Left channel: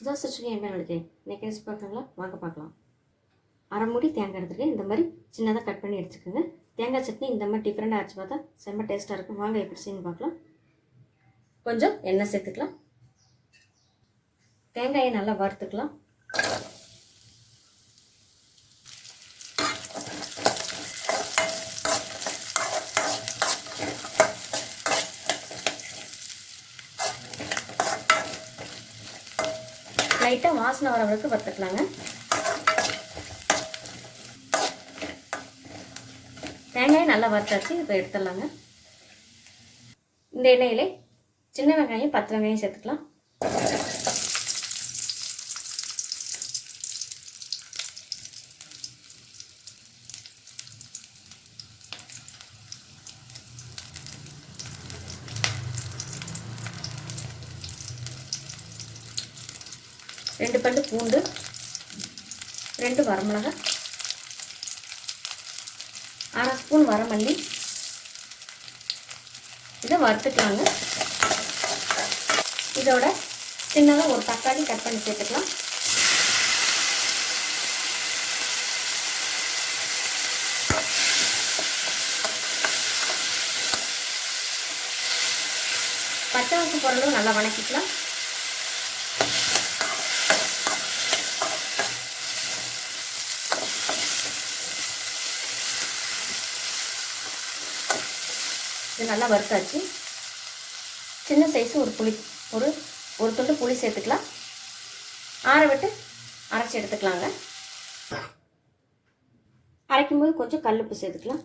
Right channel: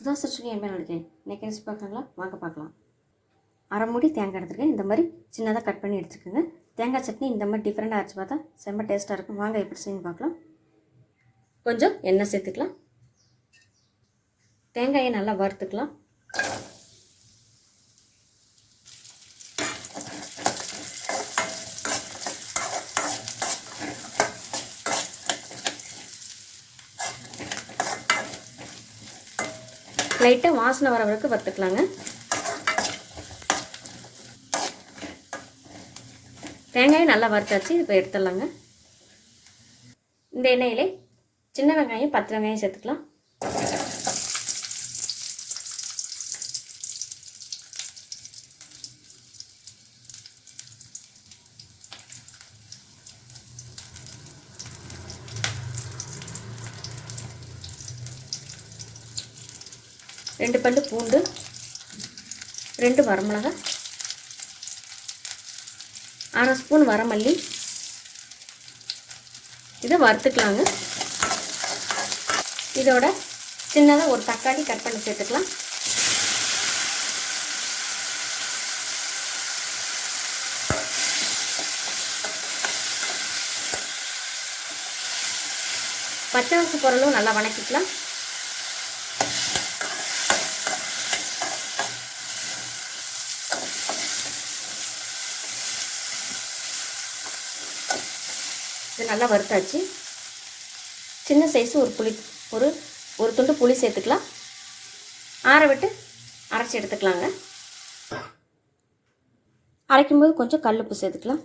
சுதா சச்சுக்கு என்ன இருக்கேன் இன்னைக்கு ரெசிபி பார்க்கலாங்களா வாங்க பார்க்கலாம். அரை மூடி தேங்காய் எடுத்துருக்கேன். இந்த மாதிரி சின்னதாக கட் பண்ணி எடுத்துக்கோங்க. தேங்காய் சட்னி இந்த மாதிரி டிஃப்ரெண்டாக அரைச்சி பார்த்தா செம்ம டேஸ்ட்டாக இருக்கும். வாங்க எப்படி செய்யணும் பார்க்கலாம். கொஞ்சம் எண்ணெய் சேர்த்துக்கலாம். தேங்காயை நல்லா வறுத்துக்கலாம். லைட்டாக வாசனை வர வரைக்கும் வறுத்துக்கலாங்க. தேங்காயை நல்லா வறுத்தாச்சு இப்போ எடுத்துடலாங்க. இந்த எண்ணெயிலே சின்ன வெங்காயம் பத்து வெங்காயம் சேர்த்துக்கலாம். ரெண்டு பல்லு பூண்டு ரெண்டு வரமிளகா அரை ஸ்பூன் வரமல்லி. இதை வறுத்துக்கலாங்க. இதோட சின்னதாக ஒரு தக்காளி கட் பண்ணி சேர்த்துக்கலாம். பச்சை வச்சு பொருளும் நல்லா வணக்கிக்கலாம். இது நல்லா வறுத்தாச்சு. சின்ன சைஸு ஒரு புளி ஒரு ஒரு துண்டு புளி சேர்த்துக்கலாம். ஆற விட்டு அரைச்சி எடுத்துக்கலாங்க. அரைக்கும்போது கொஞ்சம் கல்லுப்பு சேர்த்துக்கலாம்.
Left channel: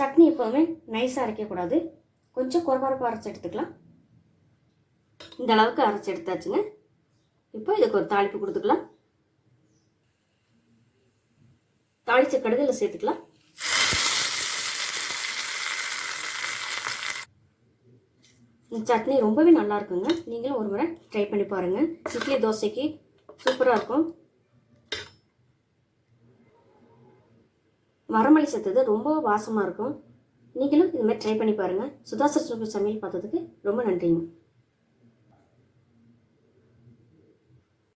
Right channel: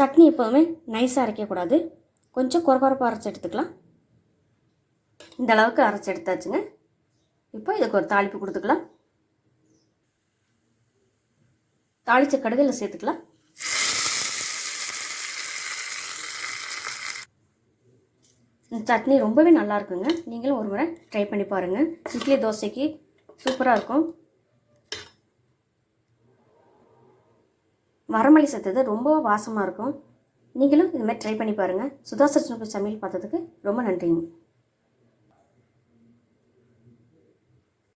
சட்னி எப்போதுமே நைஸாக அரைக்கக்கூடாது. கொஞ்சம் குறகுறப்பாக அரைச்சி எடுத்துக்கலாம். இந்த அளவுக்கு அரைச்சி எடுத்தாச்சுங்க. இப்போ இதுக்கு ஒரு தாளிப்பு கொடுத்துக்கலாம். தாளித்த கடுகில் சேர்த்துக்கலாம். சட்னி ரொம்பவே நல்லா இருக்குங்க நீங்களும் ஒரு முறை ட்ரை பண்ணி பாருங்கள் இட்லி தோசைக்கு சூப்பராக இருக்கும். வரமல்லி சேர்த்தது ரொம்ப வாசமாக இருக்கும். நீங்களும் இதுமாதிரி ட்ரை பண்ணி பாருங்கள் சுதா சச்சுக்கு சமையல் பார்த்ததுக்கு ரொம்ப நன்றிங்க.